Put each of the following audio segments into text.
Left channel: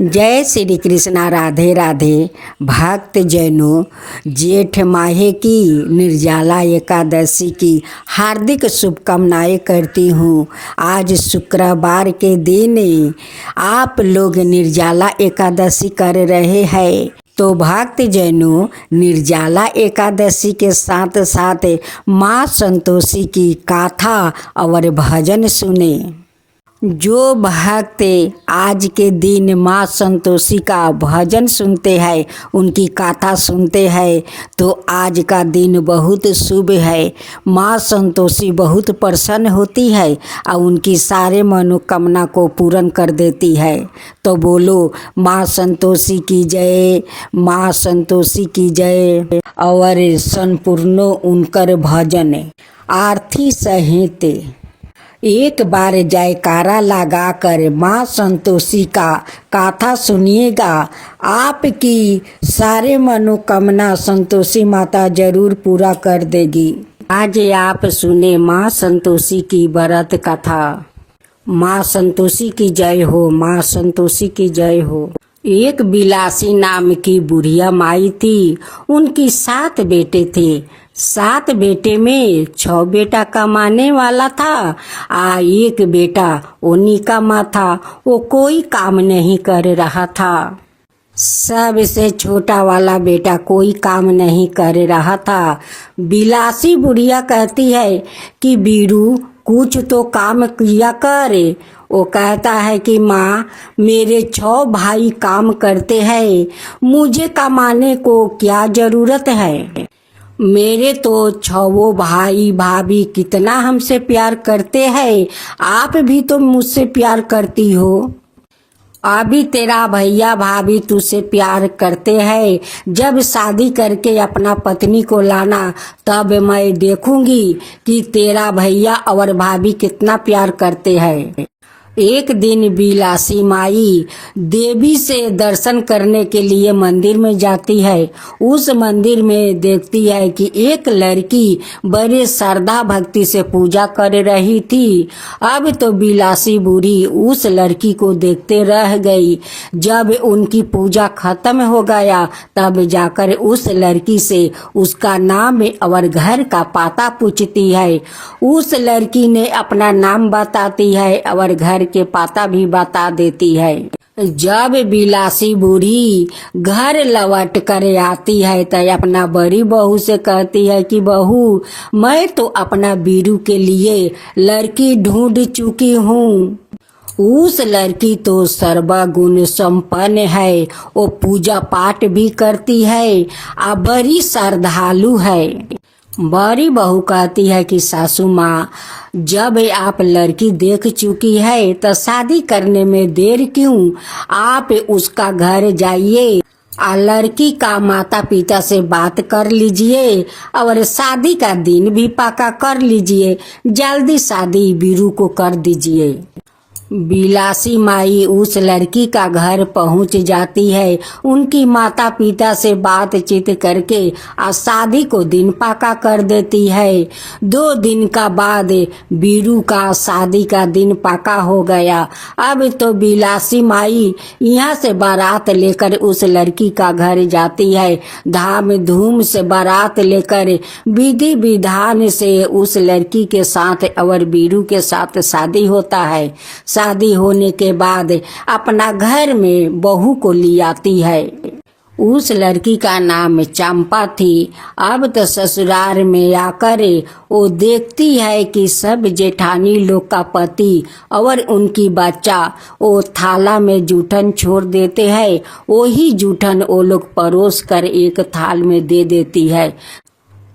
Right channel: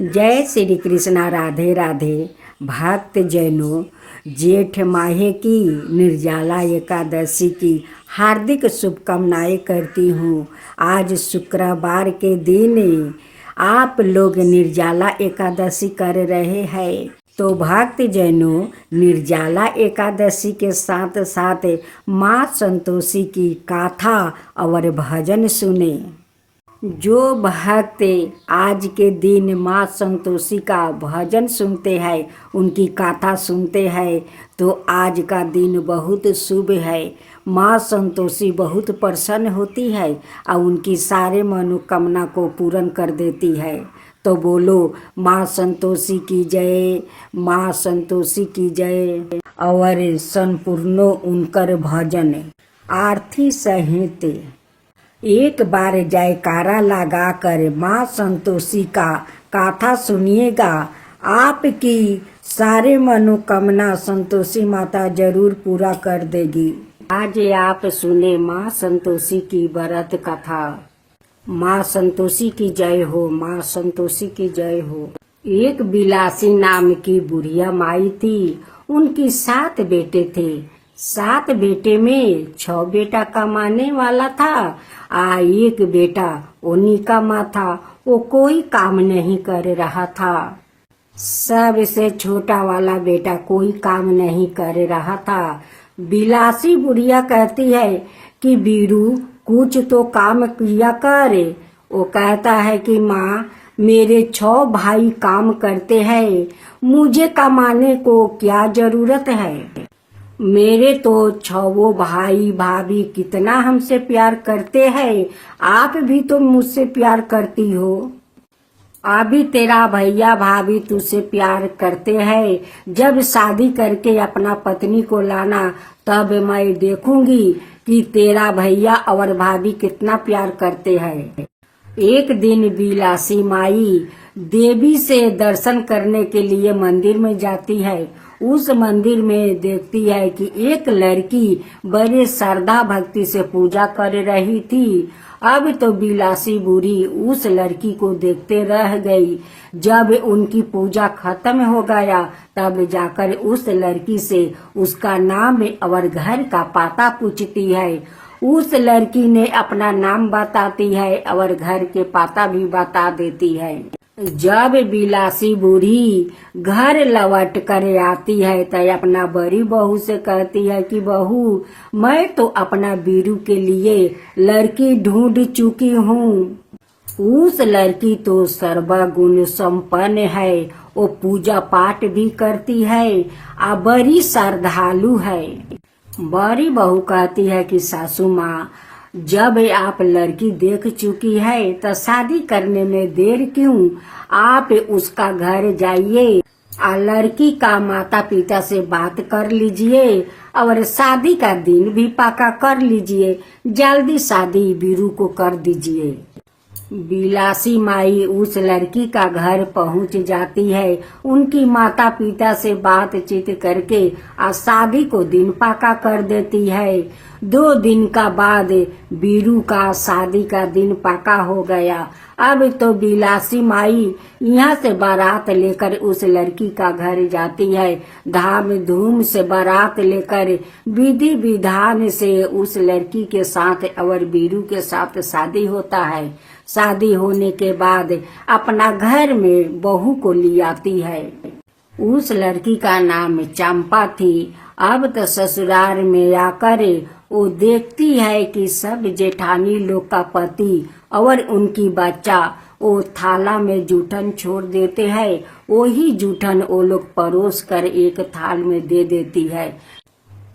जय श्री कृष्णा। राधे राधे। भक्त जैनों, जेठ माहे की निर्जला एकादशी की हार्दिक शुभकामनाएं करती हूँ। आज शुक्रवार के दिन आप लोग निर्जला एकादशी कर रहे हैं, तो भक्त जैनों, निर्जला एकादशी के साथ साथ माँ संतोषी की गाथा और भजन सुने। जो भक्त आज के दिन माँ संतोषी का भजन सुनते हैं, उनकी गाथा सुनते हैं, तो आज का दिन बहुत शुभ है। माँ संतोषी बहुत प्रसन्न होती है और उनकी सारे मनोकामना को पूर्ण कर देती है। तो बोलो माँ संतोषी की जय, माँ संतोषी की जय। और संपूर्ण उनकर भजन आरती सहित एक बार जयकारा लगाकर माँ संतोषी का गाथा सुनिएगा। आपकी सारे मनोकामना संतोषी माता जरूर पूरा कर देगी। आज आप सुने माँ संतोषी की व्रत कथा। माँ संतोषी की जय हो, माँ संतोषी की जय हो। एक बिलासी नाम की बुढ़िया माई थी। उनकी 7 बेटे थे। 7 बेटे में 6 बेटा कमाने वाला था, एक बेटा उन्हीं का माँ था। वो कोई काम नहीं कर रहा था। सबसे छोटा वाला बेटा कोई काम नहीं कर रहा था। बिलासी बुढ़िया कहती है कि बीरू कुछ तो काम किया कर। वो कहता है कि माँ, मेरे 6 भाई काम करते हैं, मुझे कमाने को क्या जरूरत है। मेरे तो 6 भाई भाभी कितना हमसे प्यार करते हैं, आप भी तो मुझसे प्यार करती हो। अभी तेरा भैया भाभी तुझसे प्यार करते हैं। जब शादी करके अपना पत्नी को लाना, तब मैं देखूंगी कि तेरा भैया और भाभी कितना प्यार करते हैं। एक दिन बिलासी माई देवी से दर्शन करने के लिए मंदिर में जाती है। उस मंदिर में देखती है कि एक लड़की बड़े श्रद्धा भक्ति से पूजा कर रही थी। अब तो बिलासी बूढ़ी उस लड़की को देखते रह गई। जब उनकी पूजा खत्म हो गया, तब जाकर उस लड़की से उसका नाम और घर का पता पूछती है। उस लड़की ने अपना नाम बताती है और घर के पता भी बता देती है। जब बिलासी बूढ़ी घर लौट कर आती है तो अपना बड़ी बहू से कहती है कि बहू, मैं तो अपना बीरू के लिए लड़की ढूंढ चुकी हूँ। उस लड़की तो सर्वगुण संपन्न है, वो पूजा पाठ भी करती है और बड़ी श्रद्धालु है। बड़ी बहू कहती है कि सासू माँ, जब आप लड़की देख चुकी है तो शादी करने में देर क्यों। आप उसका घर जाइए और लड़की का माता पिता से बात कर लीजिए और शादी का दिन भी पक्का कर लीजिए। जल्दी शादी बीरू को कर दीजिए। बिलासी माई उस लड़की का घर पहुंच जाती है। उनकी माता पिता से बातचीत करके शादी को दिन पक्का कर देती है। 2 दिन का बाद बीरू का शादी का दिन पक्का हो गया। अब तो बिलासी माई यहाँ से बारात लेकर उस लड़की का घर जाती है। धाम धूम से बारात लेकर विधि विधान से उस लड़की के साथ और बीरू के साथ शादी होता है। शादी होने के बाद अपना घर में बहू को ले आती है। उस लड़की का नाम चंपा थी। अब तो ससुराल में आकर वो देखती है कि सब जेठानी लोग का पति और उनकी बच्चा वो थाला में जूठन छोड़ देते हैं। वही जूठन वो लोग परोस कर एक थाल में दे देती है।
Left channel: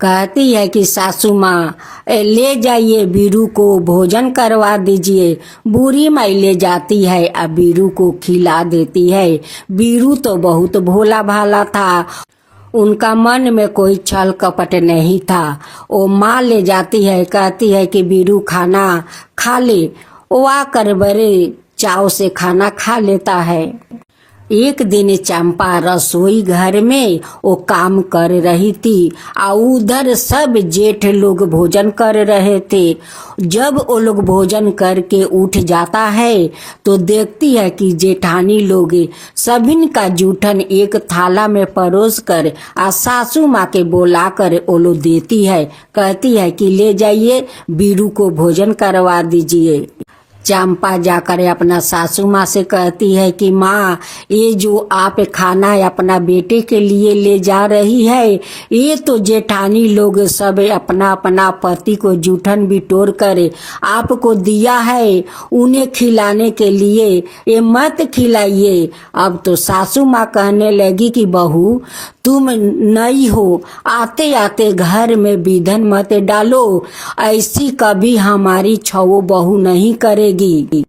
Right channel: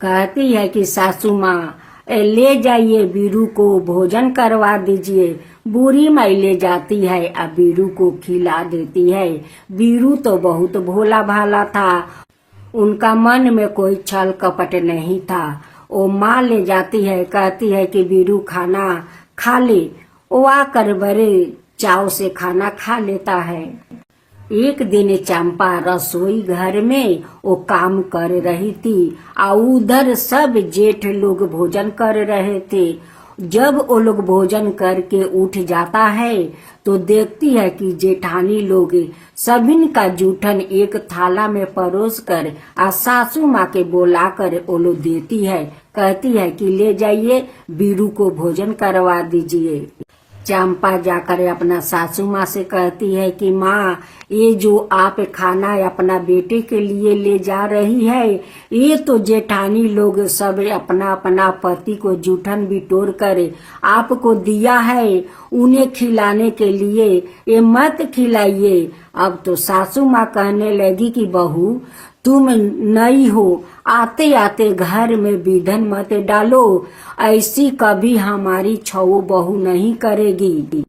कहती है कि सासू माँ, ले जाइए, बीरू को भोजन करवा दीजिए। बूढ़ी माई ले जाती है और बीरू को खिला देती है। बीरू तो बहुत भोला भाला था, उनका मन में कोई छल कपट नहीं था। वो माँ ले जाती है, कहती है कि बीरू खाना खा ले। वो आकर बड़े चाव से खाना खा लेता है। एक दिन चंपा रसोई घर में वो काम कर रही थी और उधर सब जेठ लोग भोजन कर रहे थे। जब वो लोग भोजन करके उठ जाता है तो देखती है कि जेठानी लोग सभी का जूठन एक थाला में परोस कर और सासू माँ के बोला कर वो लोग देती है। कहती है कि ले जाइए, बीरू को भोजन करवा दीजिए। चंपा जाकर अपना सासू माँ से कहती है कि माँ, ये जो आप खाना अपना बेटे के लिए ले जा रही है, ये तो जेठानी लोग सब अपना अपना पति को जूठन बिटोर कर आपको दिया है उन्हें खिलाने के लिए, ये मत खिलाइए। अब तो सासू माँ कहने लगी कि बहू, तुम नई हो, आते आते घर में विधन मत डालो, ऐसी कभी हमारी छवो बहू नहीं करेगी।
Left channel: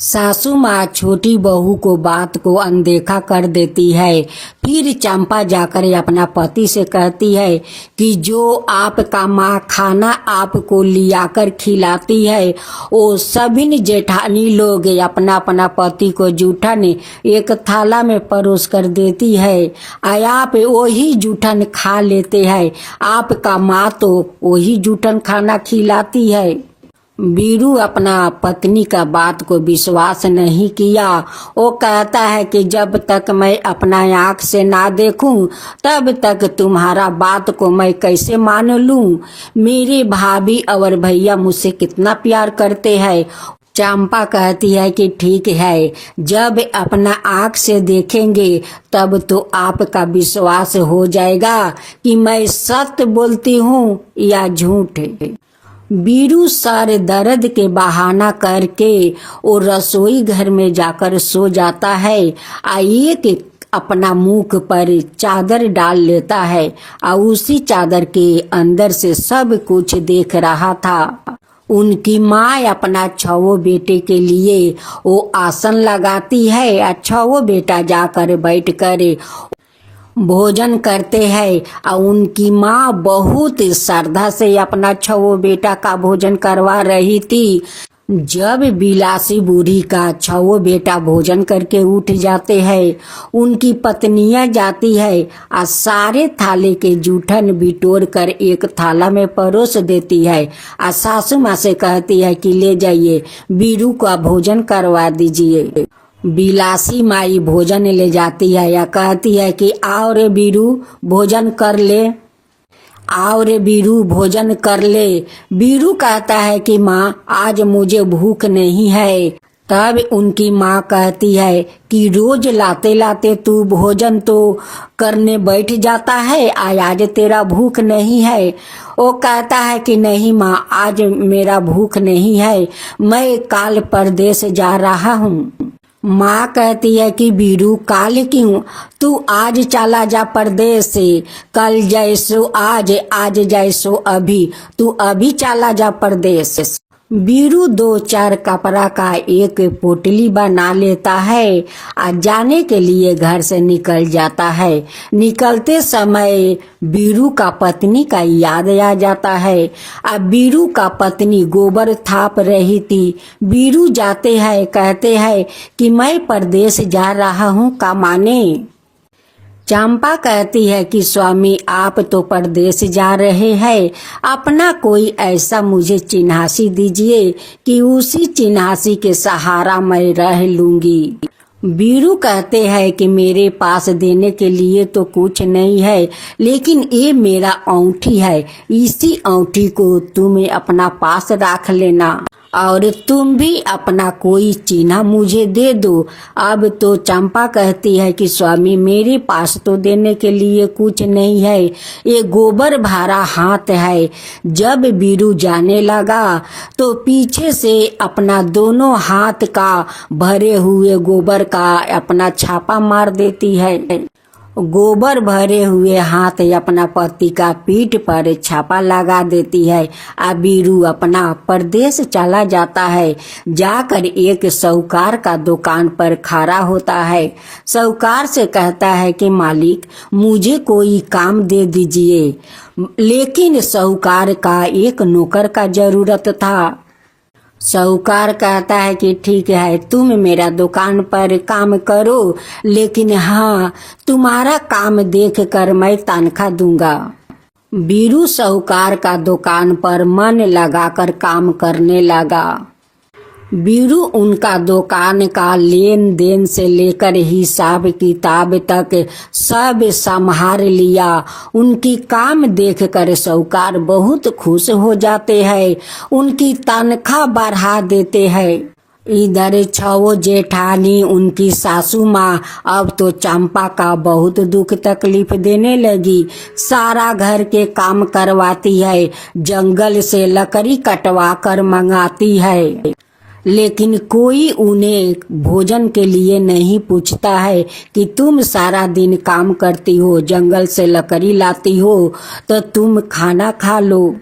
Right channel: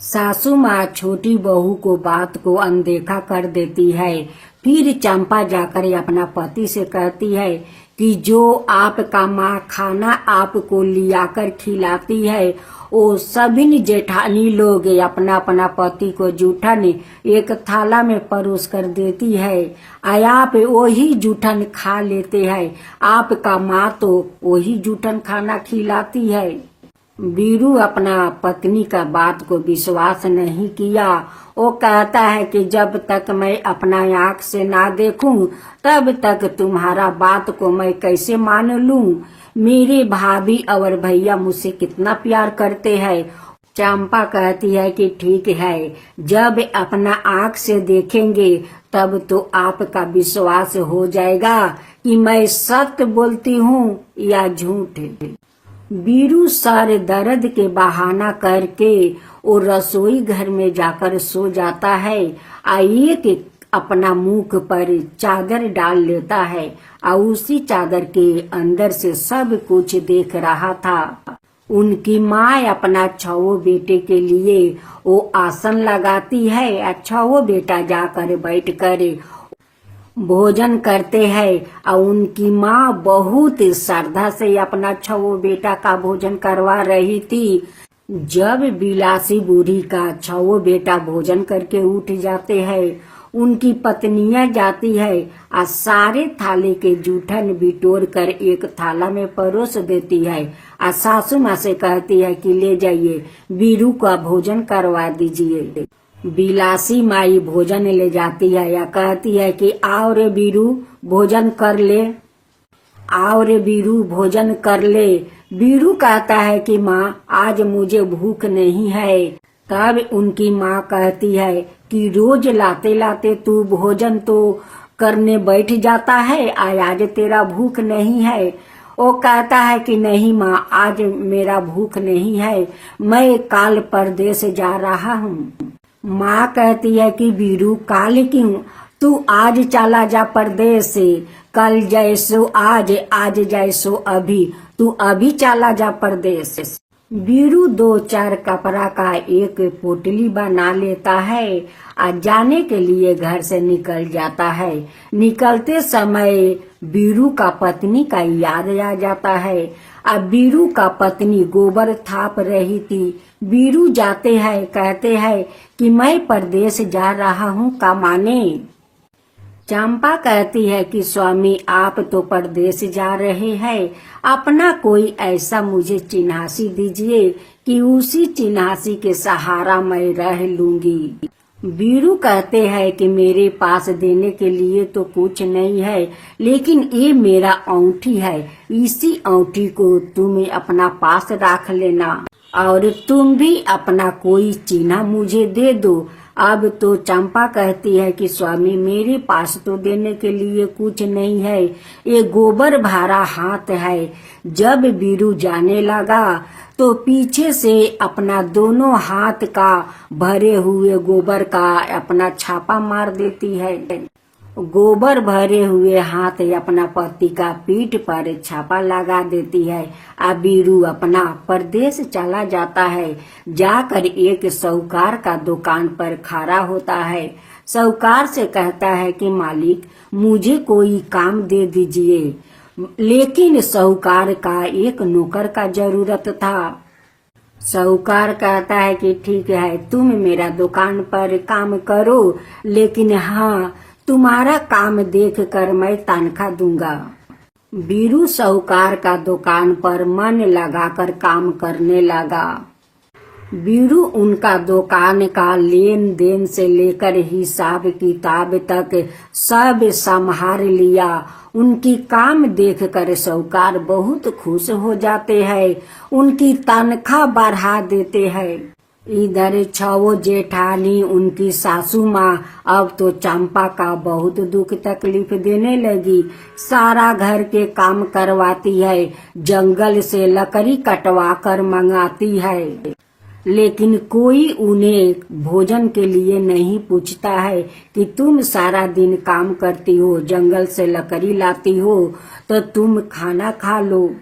सासू माँ छोटी बहू को बात को अनदेखा कर देती है। फिर चंपा जाकर अपना पति से कहती है कि जो आपका माँ खाना आपको लियाकर खिलाती है वो सभी जेठानी लोग अपना अपना पति को जूठन एक थाला में परोस कर देती है और आप वही जूठन खा लेते हैं। आपका माँ तो वही जूठन खाना खिलाती है। बीरू अपना पत्नी का बात को विश्वास नहीं किया। वो कहता है कि जब तक मैं अपना आँख से ना देखूं तब तक तुम्हारा बात को मैं कैसे मान लूं। मेरे भाभी और भैया मुझसे कितना प्यार करते हैं। चंपा कहती है कि ठीक है, जब अपना आँख से देखेंगे तब तो आपका विश्वास हो जाएगा कि मैं सत्य बोलती हूँ या झूठ। बीरू सारे दर्द के बहाना करके वो रसोई घर में जाकर सो जाता है। आइए कि अपना मुख पर चादर डाल लेता है और उसी चादर के अंदर से सब कुछ देख रहा था। उनकी माँ अपना छवो बेटे के लिए वो आसन लगाती है और छवो बेटा जाकर बैठ कर भोजन करते हैं और उनकी माँ बहुत श्रद्धा से अपना छवो बेटा का भोजन करवा रही थी। जब बिलासी बूढ़ी का छवो बेटा भोजन करके उठ जाते हैं, उनकी पत्नियां जाती है और सारे थाले के जूठन बिटोर कर एक थाला में परोस देती है और सासू माँ से कहती है कि ले जाइए, बीरू का भोजन करवा दीजिए। बिलासी माई भोजन ले जाती है या कहती है कि आओ रे बीरू भोजन कर ले, आओ रे बीरू भोजन कर ले। बीरू कहता है कि माँ, आज मुझे भूख नहीं है। तब उनकी माँ कहती है कि रोज लाते लाते तू भोजन तो करने बैठ जाता है, आज तेरा भूख नहीं है। वो कहता है कि नहीं माँ, आज मेरा भूख नहीं है, मैं काल परदेश जा रहा हूँ। माँ कहती है कि बीरू, काल क्यों, तू आज चला जा परदेश से, कल जैसो आज, आज जैसो अभी, तू अभी चला जा परदेश। बीरू 2-4 कपड़ा का एक पोटली बना लेता है और जाने के लिए घर से निकल जाता है। निकलते समय बीरू का पत्नी का याद आ जाता है। अब बीरू का पत्नी गोबर थाप रही थी। बीरू जाते हैं, कहते हैं कि मैं परदेश जा रहा हूँ कमाने। चंपा कहती है कि स्वामी, आप तो परदेश जा रहे हैं, अपना कोई ऐसा मुझे चिन्हासी दीजिए कि उसी चिन्हासी के सहारा मैं रह लूंगी। बीरू कहते हैं कि मेरे पास देने के लिए तो कुछ नहीं है, लेकिन ये मेरा औंठी है, इसी औंठी को तुम अपना पास रख लेना और तुम भी अपना कोई चिन्ह मुझे दे दो। अब तो चंपा कहती है कि स्वामी, मेरे पास तो देने के लिए कुछ नहीं है, ये गोबर भरा हाथ है। जब बीरू जाने लगा तो पीछे से अपना दोनों हाथ का भरे हुए गोबर का अपना छापा मार देती है। गोबर भरे हुए हाथ अपना पति का पीठ पर छापा लगा देती है। अब बीरू अपना परदेश चला जाता है। जाकर एक साहूकार का दुकान पर खड़ा होता है। साहूकार से कहता है कि मालिक, मुझे कोई काम दे दीजिए। लेकिन साहूकार का एक नौकर का जरूरत था। साहूकार कहता है कि ठीक है, तुम मेरा दुकान पर काम करो, लेकिन हाँ, तुम्हारा काम देख कर मैं तनख्वाह दूंगा। बीरू साहूकार का दुकान पर मन लगाकर काम करने लगा। बीरू उनका दुकान का लेन देन से लेकर हिसाब किताब तक सब संभाल लिया। उनकी काम देखकर साहूकार बहुत खुश हो जाते हैं, उनकी तनख्वाह बढ़ा देते हैं। इधर छवो जेठानी उनकी सासू माँ अब तो चंपा का बहुत दुख तकलीफ देने लगी। सारा घर के काम करवाती है, जंगल से लकड़ी कटवा कर मंगाती है, लेकिन कोई उन्हें भोजन के लिए नहीं पूछता है कि तुम सारा दिन काम करती हो, जंगल से लकड़ी लाती हो, तो तुम खाना खा लो।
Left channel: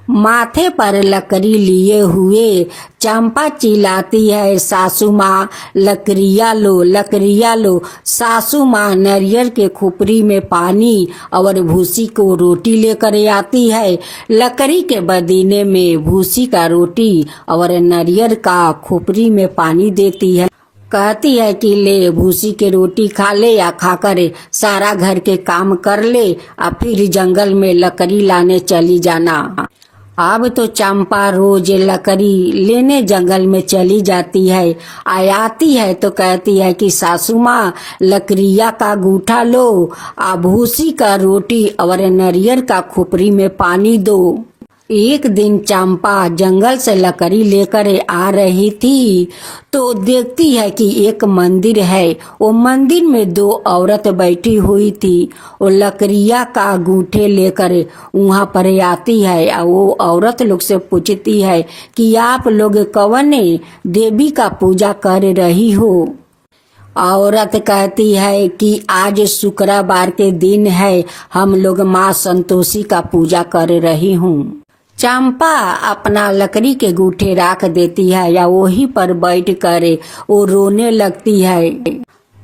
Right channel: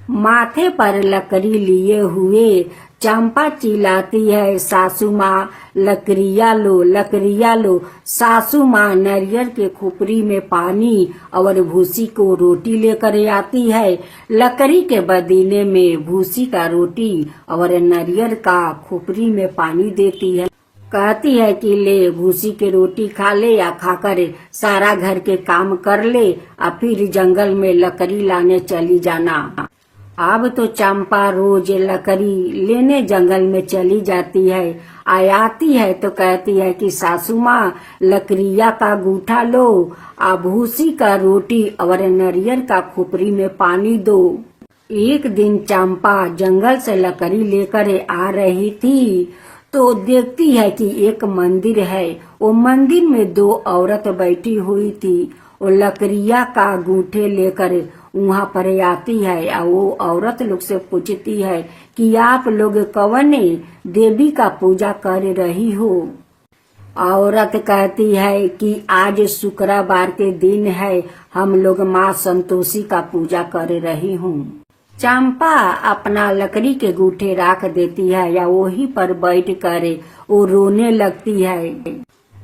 माथे पर लकड़ी लिए हुए चंपा चिल्लाती है, सासू माँ लकड़िया लो, लकड़िया लो। सासू माँ नारियल के खोपड़ी में पानी और भूसी को रोटी लेकर आती है। लकड़ी के बदीने में भूसी का रोटी और नारियल का खोपड़ी में पानी देती है। कहती है कि ले भूसी के रोटी खा ले, या खाकर सारा घर के काम कर ले, और फिर जंगल में लकड़ी लाने चली जाना। अब तो चंपा रोज लकड़ी लेने जंगल में चली जाती है। आती है तो कहती है कि सासू माँ लकड़िया का गूठा लो, भूसी का रोटी और नारियल का खोपड़ी में पानी दो। एक दिन चंपा जंगल से लकड़ी लेकर आ रही थी तो देखती है कि एक मंदिर है। वो मंदिर में दो औरत बैठी हुई थी। वो लकड़िया का गूठे लेकर वहाँ पर आती है और वो औरत लोग से पूछती है कि आप लोग कौन देवी का पूजा कर रही हो। औरत कहती है कि आज शुक्रवार के दिन है, हम लोग माँ संतोषी का पूजा कर रही हूँ। चंपा अपना लकड़ी के गूठे रख देती है या वहीं पर बैठ कर वो रोने लगती है।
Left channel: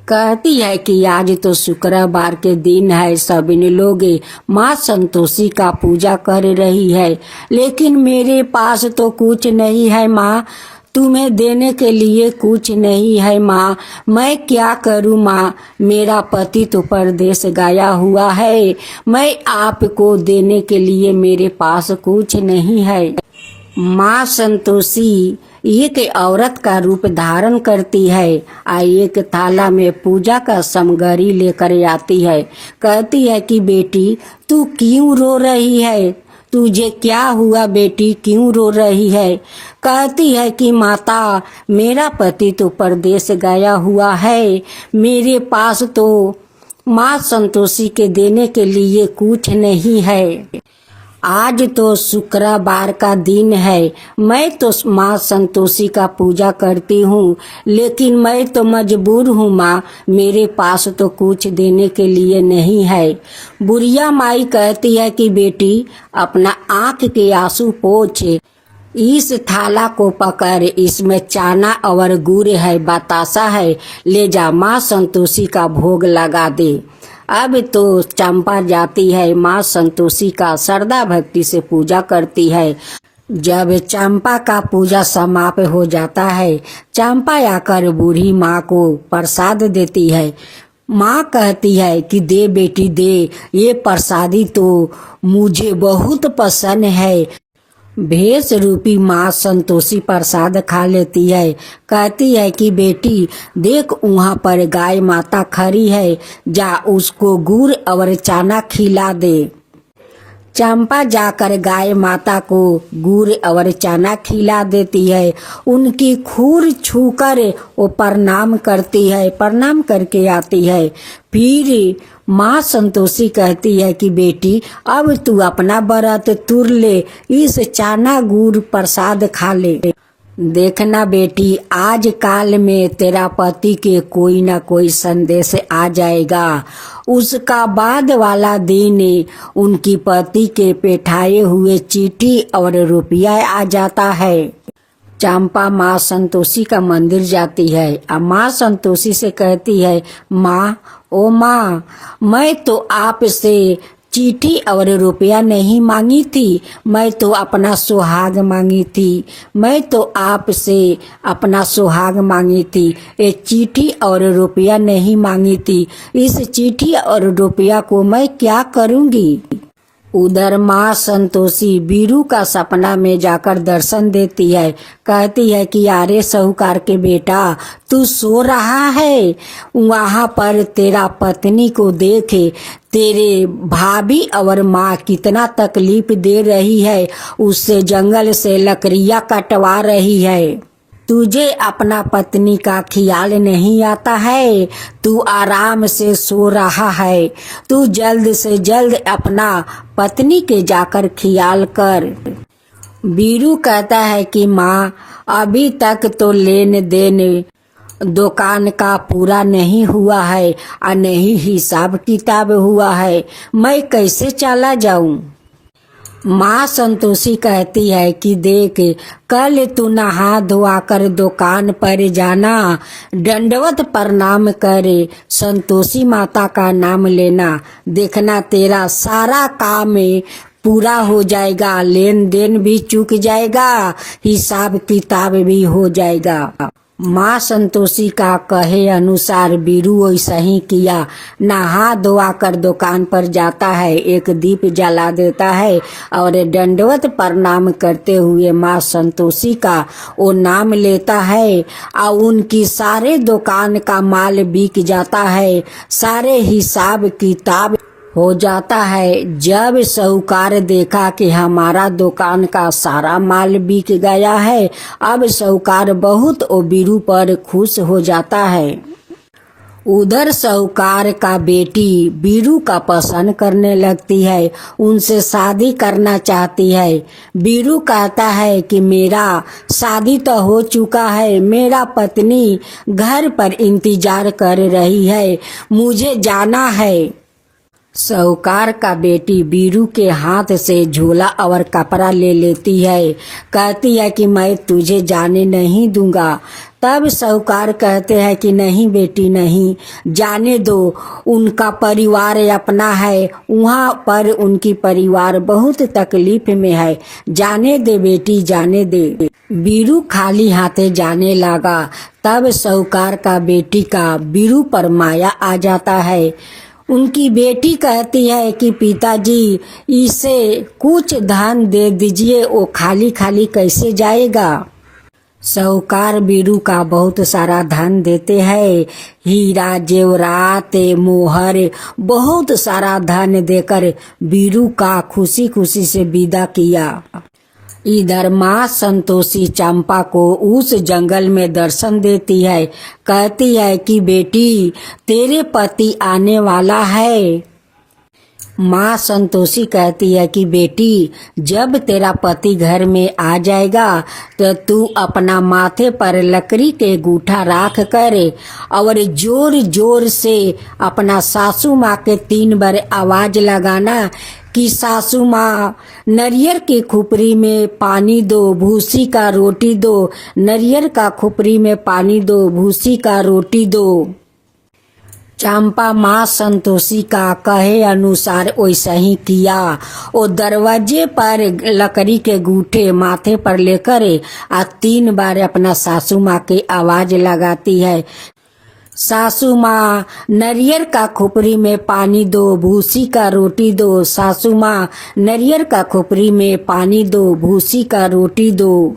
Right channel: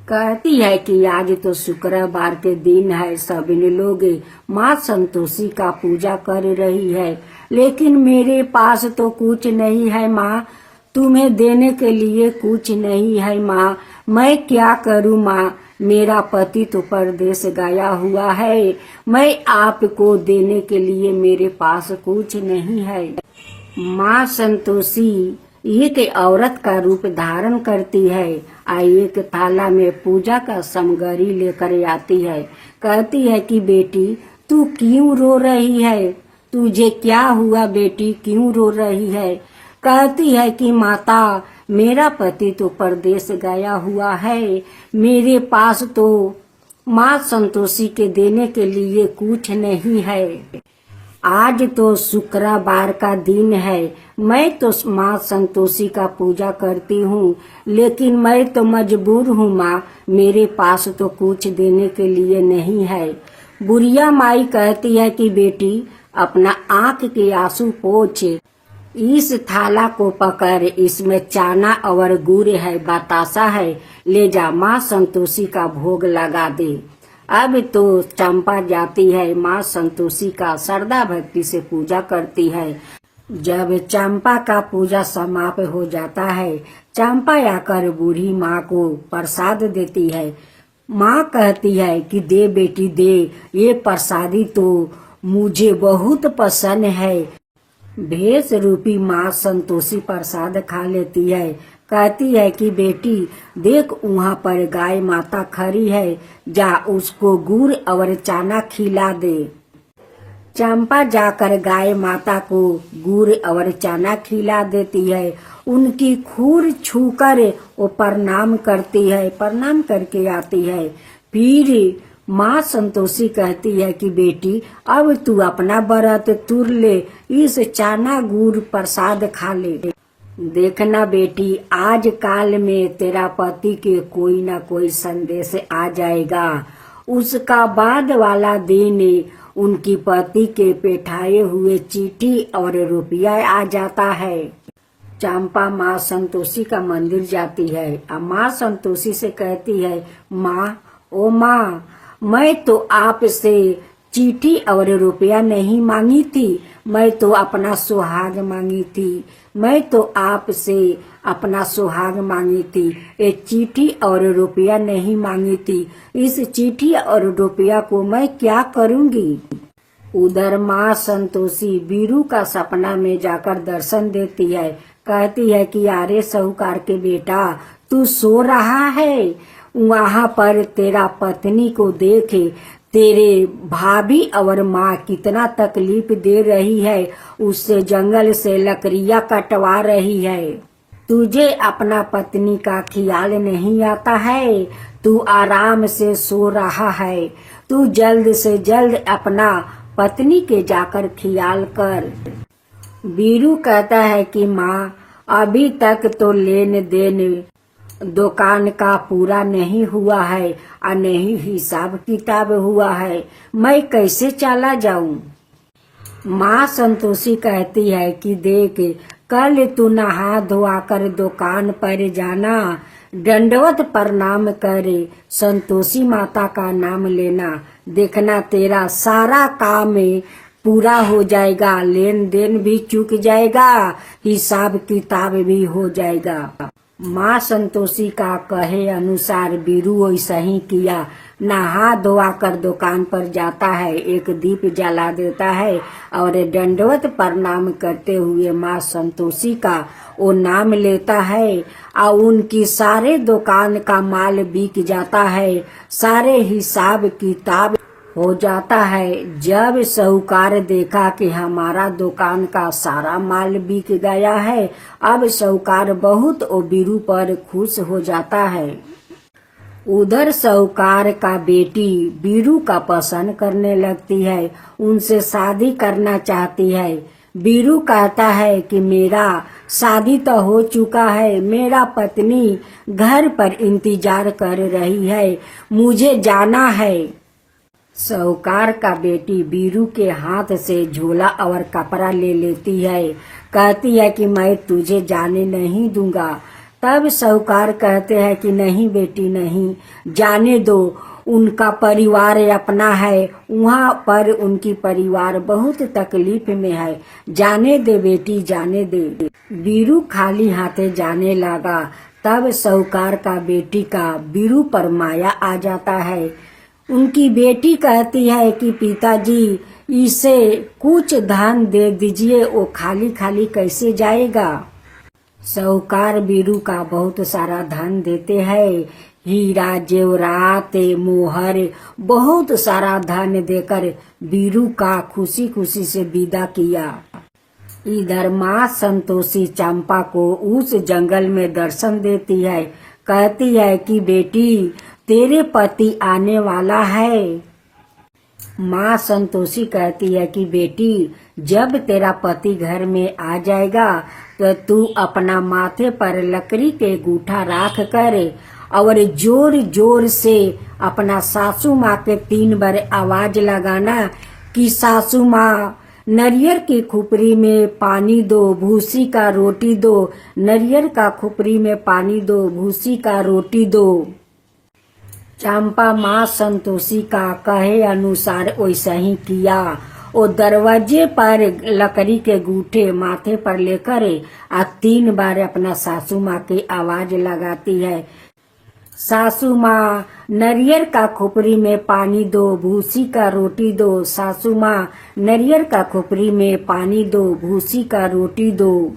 कहती है कि आज तो शुक्रवार के दिन है, सभी लोग माँ संतोषी का पूजा कर रही है, लेकिन मेरे पास तो कुछ नहीं है माँ, तुम्हें देने के लिए कुछ नहीं है माँ, मैं क्या करूँ माँ, मेरा पति तो परदेश गया हुआ है, मैं आपको देने के लिए मेरे पास कुछ नहीं है। माँ संतोषी एक औरत का रूप धारण करती है, एक थाला में पूजा का सामग्री लेकर आती है। कहती है कि बेटी तू क्यों रो रही है, तुझे क्या हुआ बेटी, क्यों रो रही है। कहती है कि माता मेरा पति तो परदेश गया हुआ है, मेरे पास तो माँ संतोषी के देने के लिए कुछ नहीं है। आज तो शुक्रवार का दिन है, मैं तो माँ संतोषी का पूजा करती हूँ, लेकिन मैं तो मजबूर हूँ माँ, मेरे पास तो कुछ देने के लिए नहीं है। बुढ़िया माई कहती है कि बेटी अपना आँख के आंसू पोंछ, इस थाला को पकड़, इसमें चना और गुड़ है, बतासा है, ले जा माँ संतोषी का भोग लगा दे। अब तो चंपा जाती है, माँ संतोषी का श्रद्धा भक्ति से पूजा करती है। जब चंपा का पूजा समाप्त हो जाता है, चंपा आकर बूढ़ी माँ को प्रसाद देती है। माँ कहती है कि दे बेटी दे, ये प्रसादी तो मुझे बहुत पसंद है। भेष रूपी माँ संतोषी प्रसाद खा लेती है। कहती है कि बेटी देख वहाँ पर गाय माता खड़ी है, जा उसको गुड़ और चना खिला दे। चंपा जाकर गाय माता को गुड़ और चना खिला देती है। उनकी खूर छूकर वो प्रणाम करती है, प्रणाम करके आती है। फिर माँ संतोषी कहती है कि बेटी अब तू अपना व्रत तुर ले, इस चना गुड़ प्रसाद खा ले। देखना बेटी आज काल में तेरा पति के कोई ना कोई संदेश आ जाएगा। उसका बाद वाला दिन उनकी पति के पेठाए हुए चिट्ठी और रुपया आ जाता है। चंपा माँ संतोषी का मंदिर जाती है और माँ संतोषी से कहती है, माँ ओ माँ, मैं तो आपसे चिट्ठी और रुपया नहीं मांगी थी, मैं तो अपना सुहाग मांगी थी। मैं तो आपसे अपना सुहाग मांगी थी, ये चिट्ठी और रुपया नहीं मांगी थी। इस चिट्ठी और रुपया को मैं क्या करूँगी। उधर माँ संतोषी बीरू का सपना में जाकर दर्शन देती है। कहती है कि अरे साहूकार के बेटा, तू सो रहा है। वहाँ पर तेरा पत्नी को देखे, तेरे भाभी और माँ कितना तकलीफ दे रही है, उससे जंगल से लकड़ियाँ कटवा रही है। तुझे अपना पत्नी का ख्याल नहीं आता है, तू आराम से सो रहा है। तू जल्द से जल्द अपना पत्नी के जाकर ख्याल कर। बीरू कहता है कि माँ, अभी तक तो लेन देन दुकान का पूरा नहीं हुआ है और नहीं हिसाब किताब हुआ है, मैं कैसे चला जाऊं। माँ संतोषी कहती है कि देख, कल तू नहा धोआ कर दुकान पर जाना, दंडवत प्रणाम करे, संतोषी माता का नाम लेना, देखना तेरा सारा काम पूरा हो जाएगा, लेन देन भी चूक जाएगा, हिसाब किताब भी हो जाएगा। माँ संतोषी का कहे अनुसार बीरू वैसा ही किया। नहा धोआ कर दुकान पर जाता है, एक दीप जला देता है और दंडवत प्रणाम करते हुए माँ संतोषी का वो नाम लेता है और उनकी सारे दुकान का माल बिक जाता है, सारे हिसाब किताब हो जाता है। जब साहूकार देखा कि हमारा दुकान का सारा माल बिक गया है, अब साहूकार बहुत ओ बीरू पर खुश हो जाता है। उधर साहूकार का बेटी बीरू का पसंद करने लगती है, उनसे शादी करना चाहती है। बीरू कहता है कि मेरा शादी तो हो चुका है, मेरा पत्नी घर पर इंतजार कर रही है, मुझे जाना है। साहूकार का बेटी बीरू के हाथ से झोला और कपड़ा ले लेती है, कहती है कि मैं तुझे जाने नहीं दूंगा। तब साहूकार कहते हैं कि नहीं बेटी, नहीं जाने दो, उनका परिवार अपना है, वहाँ पर उनकी परिवार बहुत तकलीफ में है, जाने दे बेटी, जाने दे। बीरू खाली हाथे जाने लगा। तब साहूकार का बेटी का बीरू पर माया आ जाता है। उनकी बेटी कहती है कि पिताजी, इसे कुछ धन दे दीजिए, वो खाली खाली कैसे जाएगा। साहूकार बीरू का बहुत सारा धन देते हैं, हीरा जेवरात मोहर, बहुत सारा धन देकर बीरू का खुशी खुशी से विदा किया। इधर माँ संतोषी चंपा को उस जंगल में दर्शन देती है। कहती है कि बेटी, तेरे पति आने वाला है। माँ संतोषी कहती है कि बेटी, जब तेरा पति घर में आ जाएगा तो तू अपना माथे पर लकड़ी के गूठा राख कर और जोर जोर से अपना सासू माँ के 3 बार आवाज लगाना कि सासू माँ, नारियल की खुपरी में पानी दो, भूसी का रोटी दो, नारियल का खुपरी में पानी दो, भूसी का रोटी दो। चंपा माँ संतोषी का कहे अनुसार वैसा ही किया। वो दरवाजे पर लकड़ी के गूठे माथे पर लेकर 3 बार अपना सासू माँ की आवाज लगाती है। सासू माँ, नारियल का खुपरी में पानी दो, भूसी का रोटी दो, सासू माँ, नारियल का खुपरी में पानी दो, भूसी का रोटी दो।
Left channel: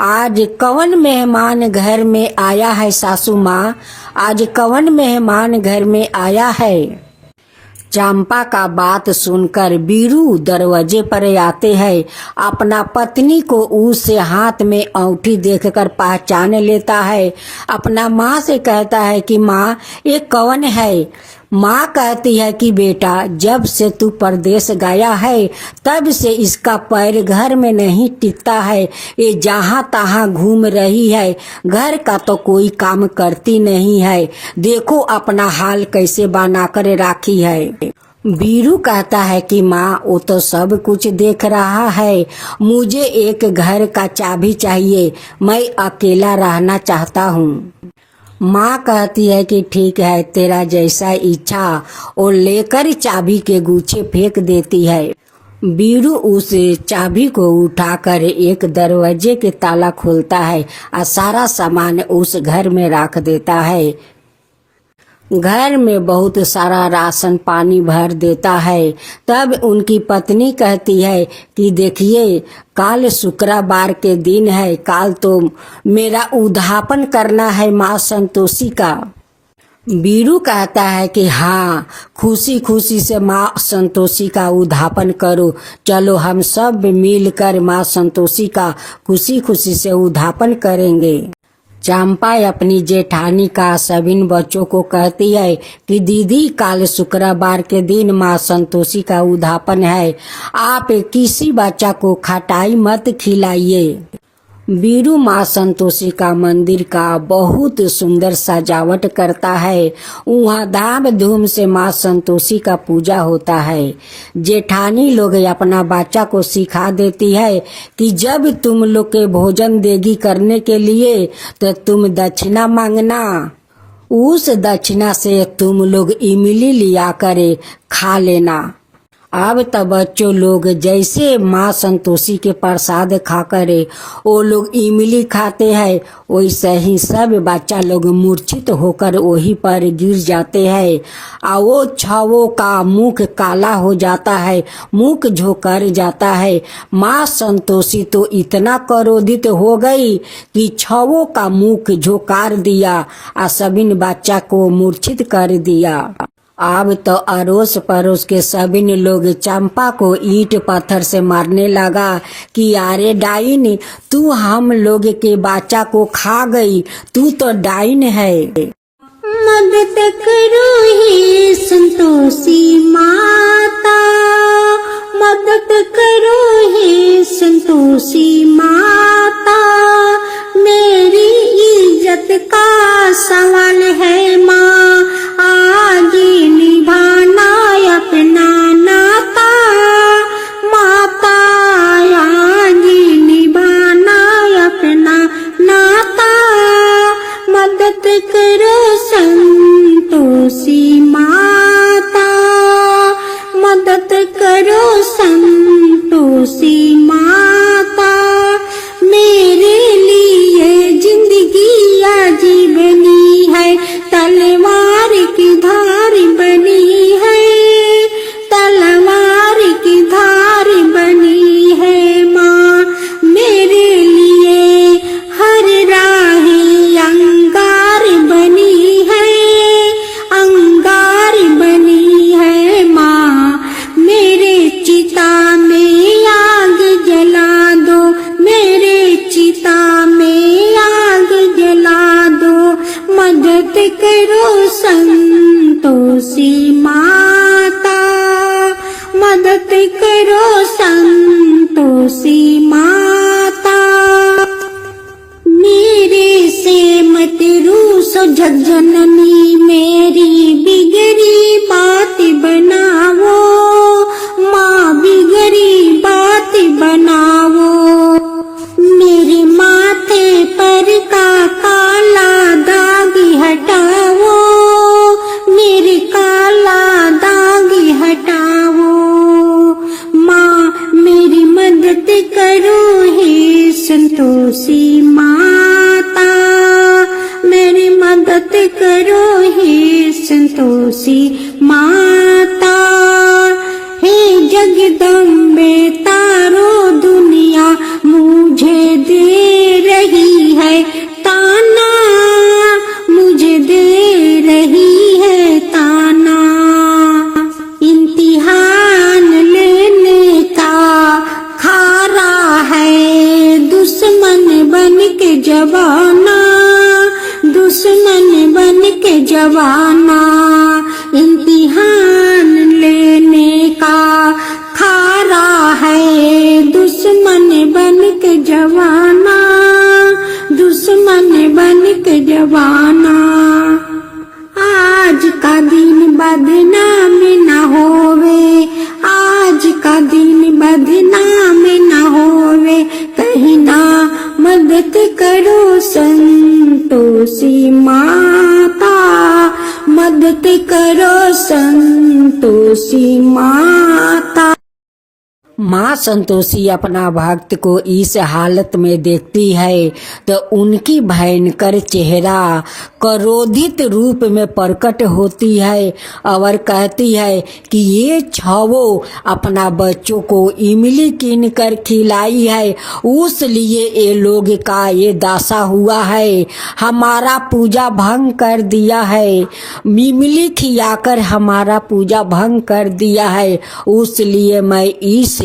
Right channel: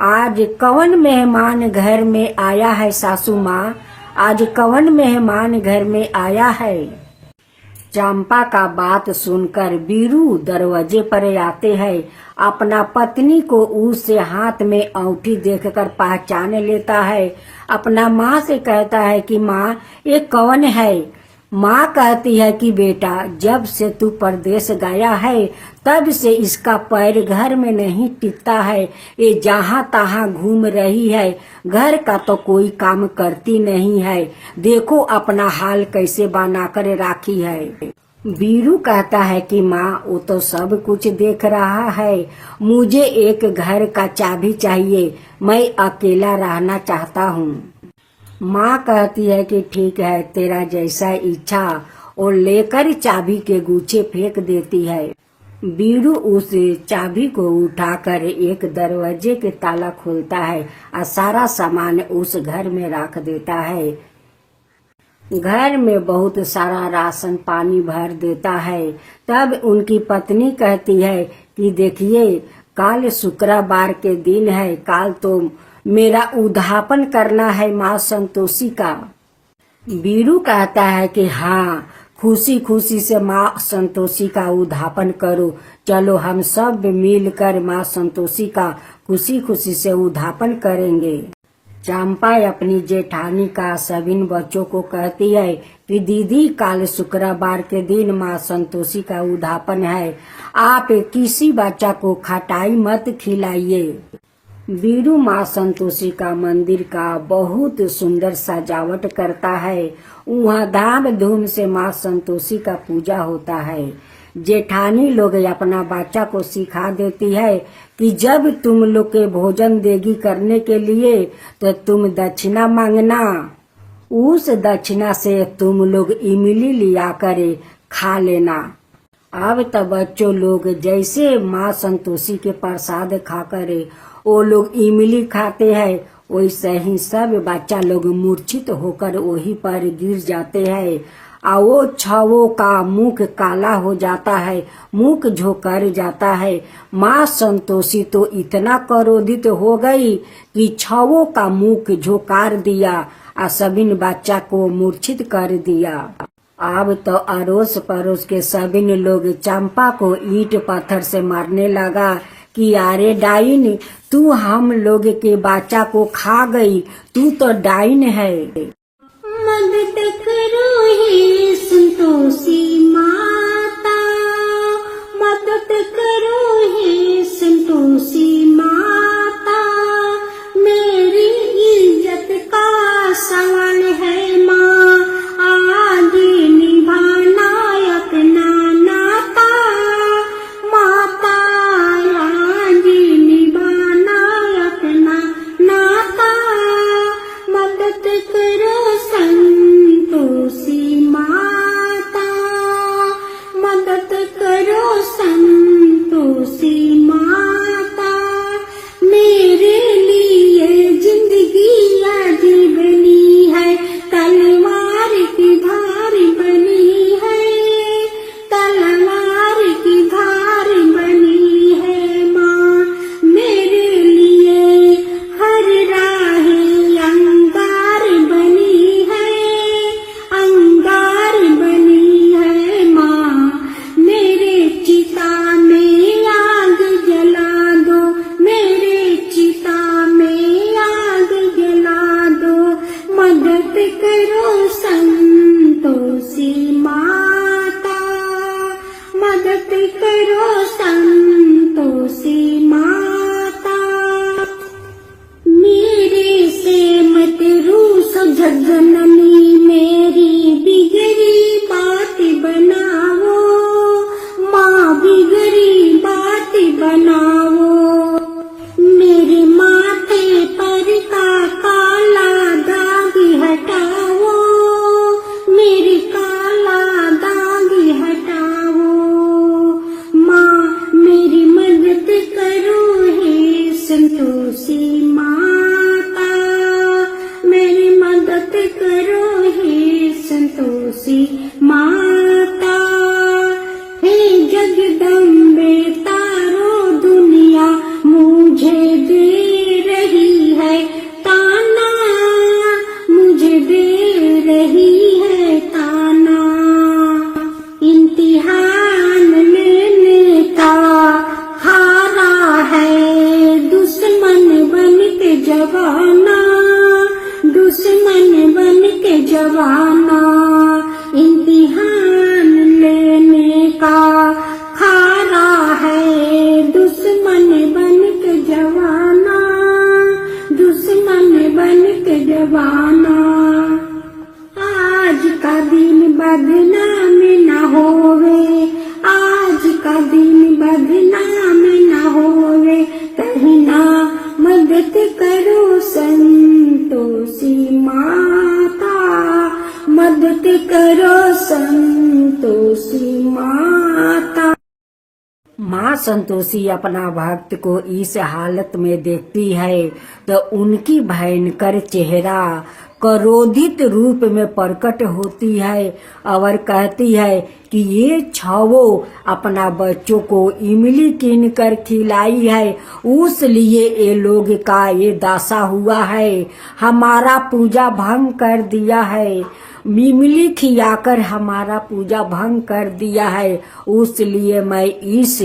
आज कौन मेहमान घर में आया है सासू माँ, आज कौन मेहमान घर में आया है। चंपा का बात सुनकर बीरू दरवाजे पर आते हैं। अपना पत्नी को उससे हाथ में अंगूठी देखकर पहचान लेता है। अपना माँ से कहता है कि माँ, ये कौन है। माँ कहती है कि बेटा, जब से तू परदेश गया है तब से इसका पैर घर में नहीं टिकता है, ये जहाँ तहाँ घूम रही है, घर का तो कोई काम करती नहीं है, देखो अपना हाल कैसे बनाकर राखी है। बीरू कहता है कि माँ, वो तो सब कुछ देख रहा है, मुझे एक घर का चाबी चाहिए, मैं अकेला रहना चाहता हूँ। माँ कहती है कि ठीक है, तेरा जैसा इच्छा, और लेकर चाबी के गुच्छे फेंक देती है। बीरू उस चाबी को उठाकर एक दरवाजे के ताला खोलता है और सारा सामान उस घर में रख देता है। घर में बहुत सारा राशन पानी भर देता है। तब उनकी पत्नी कहती है कि देखिए, काल शुक्रवार के दिन है, काल तो मेरा उद्यापन करना है माँ संतोषी का। बीरू कहता है कि हाँ, खुशी खुशी से माँ संतोषी का उद्यापन करो, चलो हम सब मिलकर माँ संतोषी का खुशी खुशी से उद्यापन करेंगे। चंपा अपनी जेठानी का सभी बच्चों को कहती है कि दीदी, काल शुक्रवार के दिन माँ संतोषी का उद्यापन है, आप किसी बच्चा को खटाई मत खिलाइए। बीरू माँ संतोषी का मंदिर का बहुत सुंदर सजावट करता है। वहाँ धाम धूम से माँ संतोषी का पूजा होता है। जेठानी लोग अपना बच्चा को सिखा देती है कि जब तुम लोग के भोजन देगी करने के लिए तो तुम दक्षिणा मांगना, उस दक्षिणा से तुम लोग इमली लिया करे खा लेना। अब तो बच्चों लोग जैसे माँ संतोषी के प्रसाद खाकर वो लोग इमली खाते हैं, वैसे ही सब बच्चा लोग मूर्छित होकर वहीं पर गिर जाते हैं और वो छवों का मुख काला हो जाता है, मुख झोंकर जाता है। माँ संतोषी तो इतना क्रोधित हो गई कि छवों का मुख झोंकार दिया और सभी बच्चा को मूर्छित कर दिया। अब तो अड़ोस पड़ोस के सभी लोग चंपा को ईंट पत्थर से मारने लगा कि अरे डाइन, तू हम लोग के बच्चा को खा गई, तू तो डाइन है। मदद करो हे संतोषी माता, मदद करो हे संतोषी माता, मेरी इज्जत का सवाल है माँ, आज निभाना अपना नाता, माता आज निभाना अपना नाता, मदद करो संतोषी माता, मदद करो संतोषी माता, मेरे लिए जिंदगी अजीब बनी है, तलवार की धार बनी है, तलवार की धार बनी है माँ, मेरे लिए हर राह अंगार बनी है, अंगार बनी है माँ, मेरे चिता में आग जला दो, मेरे चिता में आग जला दो, मदद करो संतोषी माता, मदद करो संतोषी माता, मेरे से मत रूसो झज्जननी, मेरी बिगड़ी बात बनाओ माँ, बिगड़ी बात बनाओ, मेरे माथे पर का काला दाग हटाओ, मेरे काला दाग हटाओ माँ, मेरी मदद करो हे संतोषी माता, मेरी मदद करो हे संतोषी माता, हे जगदम्बे तारो दुनिया मुझे दे रही है ताना, मुझे दे रही है ताना, इम्तिहान लेने का खारा है दुश्मन बन के जवाना, दुश्मन बन के जवाना, इम्तिहान लेने का खारा है दुश्मन बन के जवाना, दुश्मन बन के जवाना, आज का दिन बदनाम न होवे, आज का दिन बदनाम न होवे, कहीं ना मदद करो संतोषी माँ। संतोषी अपना भक्त को इस हालत में देखती है तो उनकी भयंकर चेहरा क्रोधित रूप में प्रकट होती है और कहती है कि ये छवो अपना बच्चों को इमली कीन कर खिलाई है, उस लिए ये लोग का ये दशा हुआ है। हमारा पूजा भंग कर दिया है, इमली खियाकर हमारा पूजा भंग कर दिया है, उसलिए मैं इस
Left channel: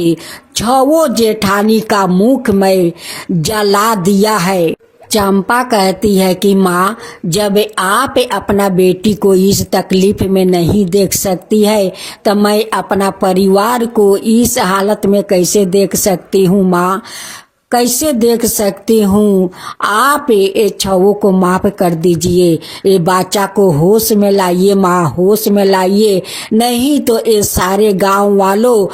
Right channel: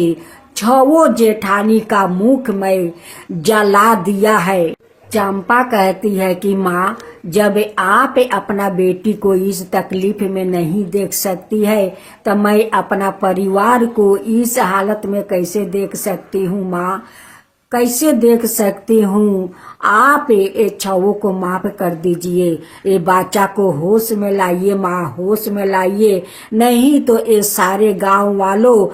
छवो जेठानी का मुख में जला दिया है। चंपा कहती है कि माँ, जब आप अपना बेटी को इस तकलीफ में नहीं देख सकती है तो मैं अपना परिवार को इस हालत में कैसे देख सकती हूँ माँ, कैसे देख सकती हूँ। आप ये छवों को माफ कर दीजिए, ये बच्चा को होश में लाइए माँ, होश में लाइए, नहीं तो ये सारे गांव वालों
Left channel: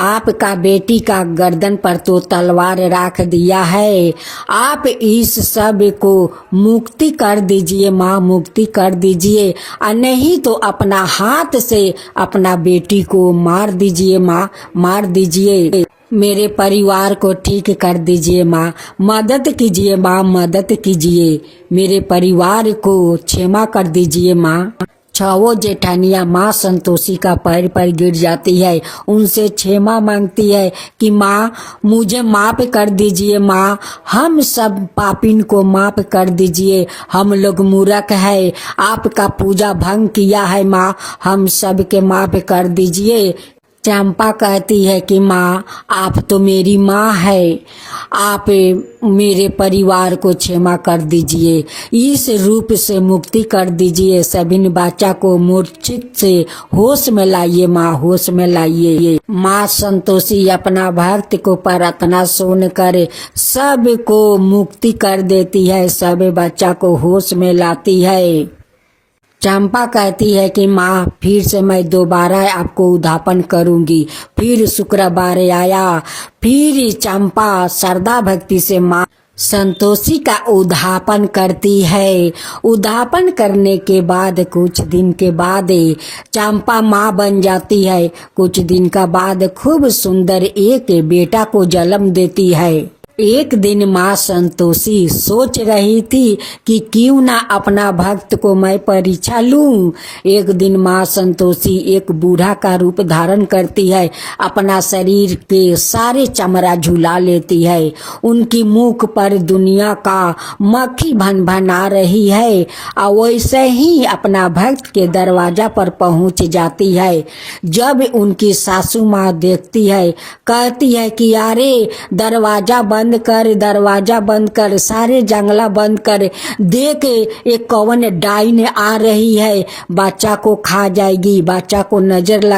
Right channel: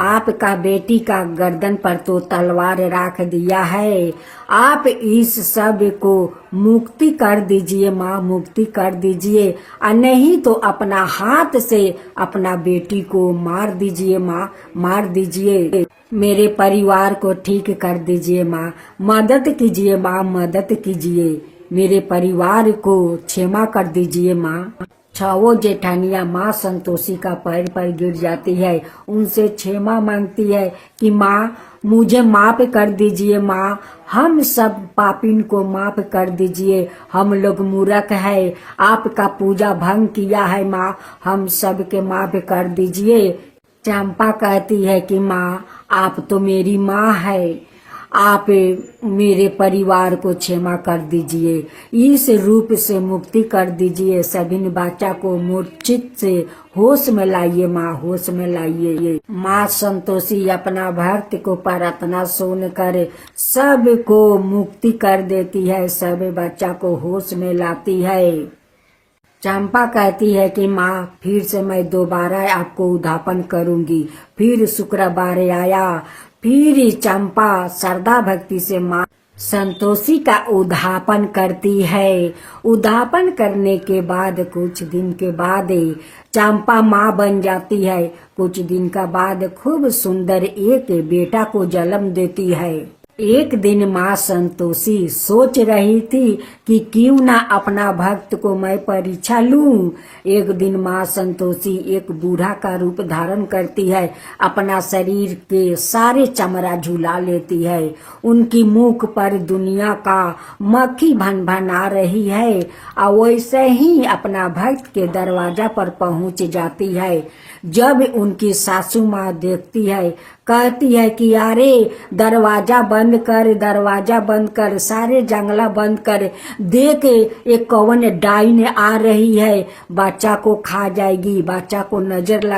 आपका बेटी का गर्दन पर तो तलवार रख दिया है। आप इस सब को मुक्ति कर दीजिए माँ, मुक्ति कर दीजिए, और नहीं तो अपना हाथ से अपना बेटी को मार दीजिए माँ, मार दीजिए। मेरे परिवार को ठीक कर दीजिए माँ, मदद कीजिए माँ, मदद कीजिए, मेरे परिवार को क्षमा कर दीजिए माँ। छवो जेठानिया माँ संतोषी का पैर पर गिर जाती है, उनसे क्षमा मांगती है कि माँ मुझे माफ कर दीजिए माँ, हम सब पापिन को माफ कर दीजिए, हम लोग मूर्ख है, आपका पूजा भंग किया है माँ, हम सब के माफ कर दीजिए। चंपा कहती है कि माँ आप तो मेरी माँ है, आप मेरे परिवार को क्षमा कर दीजिए, इस रूप से मुक्ति कर दीजिए, सभी बच्चा को मूर्छित से होश में लाइए माँ, होश में लाइए। माँ संतोषी अपना भक्त को प्रार्थना सुनकर सब को मुक्ति कर देती है, सब बच्चा को होश में लाती है। चंपा कहती है कि माँ फिर से मैं दोबारा आपको उद्धापन करूंगी। फिर शुक्रवार आया, फिर चंपा श्रद्धा भक्ति से माँ संतोषी का उद्धापन करती है। उद्धापन करने के बाद कुछ दिन के बाद चंपा माँ बन जाती है। कुछ दिन का बाद खूब सुंदर एक बेटा को जन्म देती है। एक दिन माँ संतोषी सोच रही थी कि क्यों ना अपना भक्त को मैं परीक्षा लूं। एक दिन माँ संतोषी एक बूढ़ा का रूप धारण करती है, अपना शरीर के सारे चमड़ा झुला लेती है, उनकी मुख पर दुनिया का मक्खी भन भन आ रही है, और वैसे ही अपना भक्त के दरवाजा पर पहुंच जाती है। जब उनकी सासू माँ देखती है, कहती है कि अरे दरवाजा बंद कर, दरवाजा बंद कर, सारे जंगला बंद कर, देख एक कौन डाइन आ रही है, बच्चा को खा जाएगी, बच्चा को नजर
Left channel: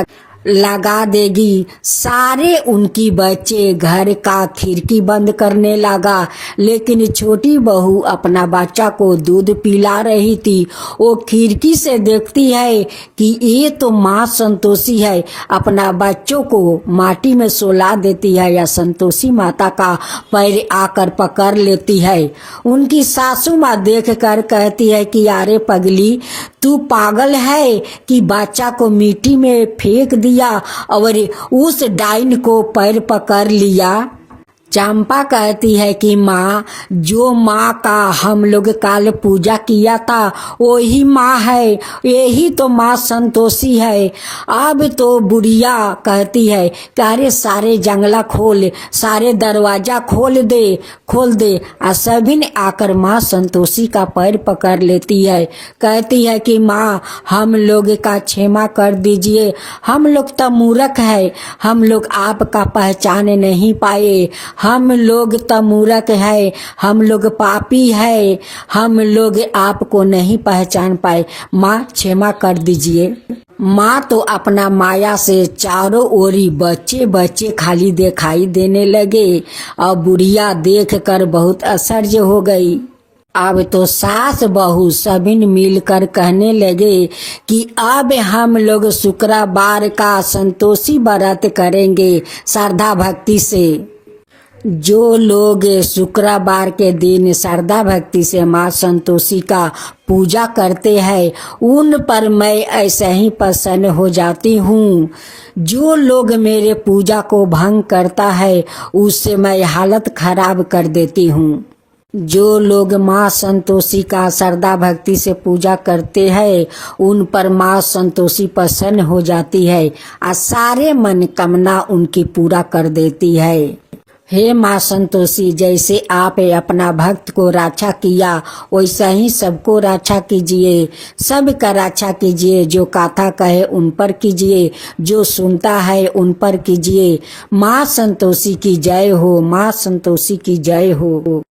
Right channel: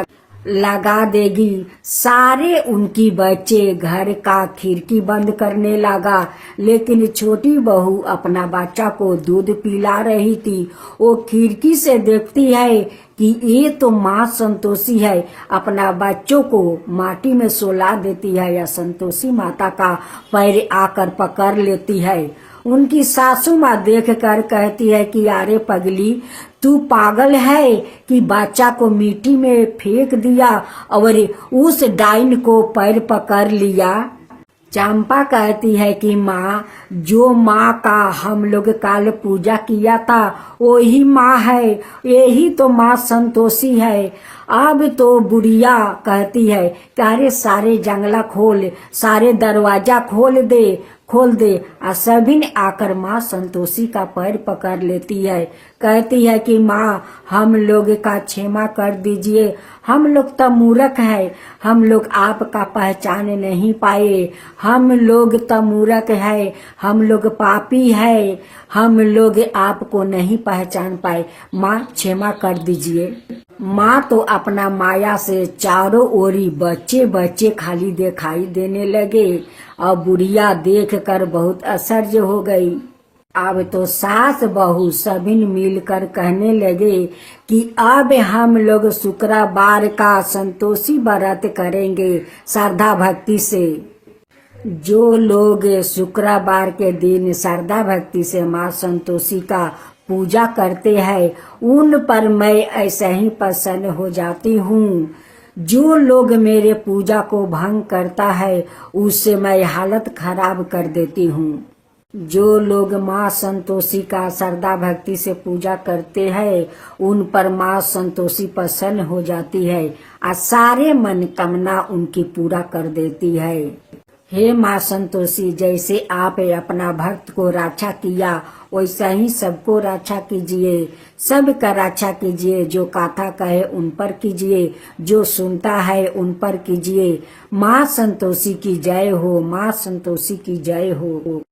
लगा देगी। सारे उनकी बच्चे घर का खिड़की बंद करने लगा, लेकिन छोटी बहू अपना बच्चा को दूध पिला रही थी। वो खिड़की से देखती है कि ये तो माँ संतोषी है, अपना बच्चों को माटी में सुला देती है या संतोषी माता का पैर आकर पकड़ लेती है। उनकी सासू माँ देख कर कहती है कि अरे पगली, तू पागल है कि बच्चा को मिट्टी में फेंक दिया और उस डाइन को पैर पकड़ लिया। चंपा कहती है कि माँ, जो माँ का हम लोग कल पूजा किया था वही माँ है, यही तो माँ संतोषी है। अब तो बुढ़िया कहती है कि अरे सारे जंगला खोल, सारे दरवाजा खोल दे, खोल दे। और सभी ने आकर माँ संतोषी का पैर पकड़ लेती है, कहती है कि माँ हम लोग का क्षमा कर दीजिए, हम लोग तो मूर्ख है, हम लोग आपका पहचान नहीं पाए, हम लोग तो मूर्ख है, हम लोग पापी है, हम लोग आपको नहीं पहचान पाए, माँ क्षमा कर दीजिए। माँ तो अपना माया से चारों ओरी बच्चे बच्चे खाली दिखाई देने लगे, और बुढ़िया देख कर बहुत आश्चर्य हो गई। अब तो सास बहू सभी मिलकर कहने लगे कि अब हम लोग शुक्रवार का संतोषी व्रत करेंगे श्रद्धा भक्ति से। जो लोग शुक्रवार के दिन श्रद्धा भक्ति से माँ संतोषी का पूजा करते हैं उन पर मैं ऐसे ही प्रसन्न हो जाती हूँ। जो लोग मेरे पूजा को भंग करता है उससे मैं हालत खराब कर देती हूँ। जो लोग माँ संतोषी का श्रद्धा भक्ति से पूजा करते हैं उन पर माँ संतोषी प्रसन्न हो जाती है और सारे मनोकामना उनकी पूरा कर देती है। हे माँ संतोषी, जैसे आप अपना भक्त को रक्षा किया वैसा ही सबको रक्षा कीजिए, सबका रक्षा कीजिए। जो कथा कहे उन पर कीजिए, जो सुनता है उन पर कीजिए। माँ संतोषी की जय हो, माँ संतोषी की जय हो।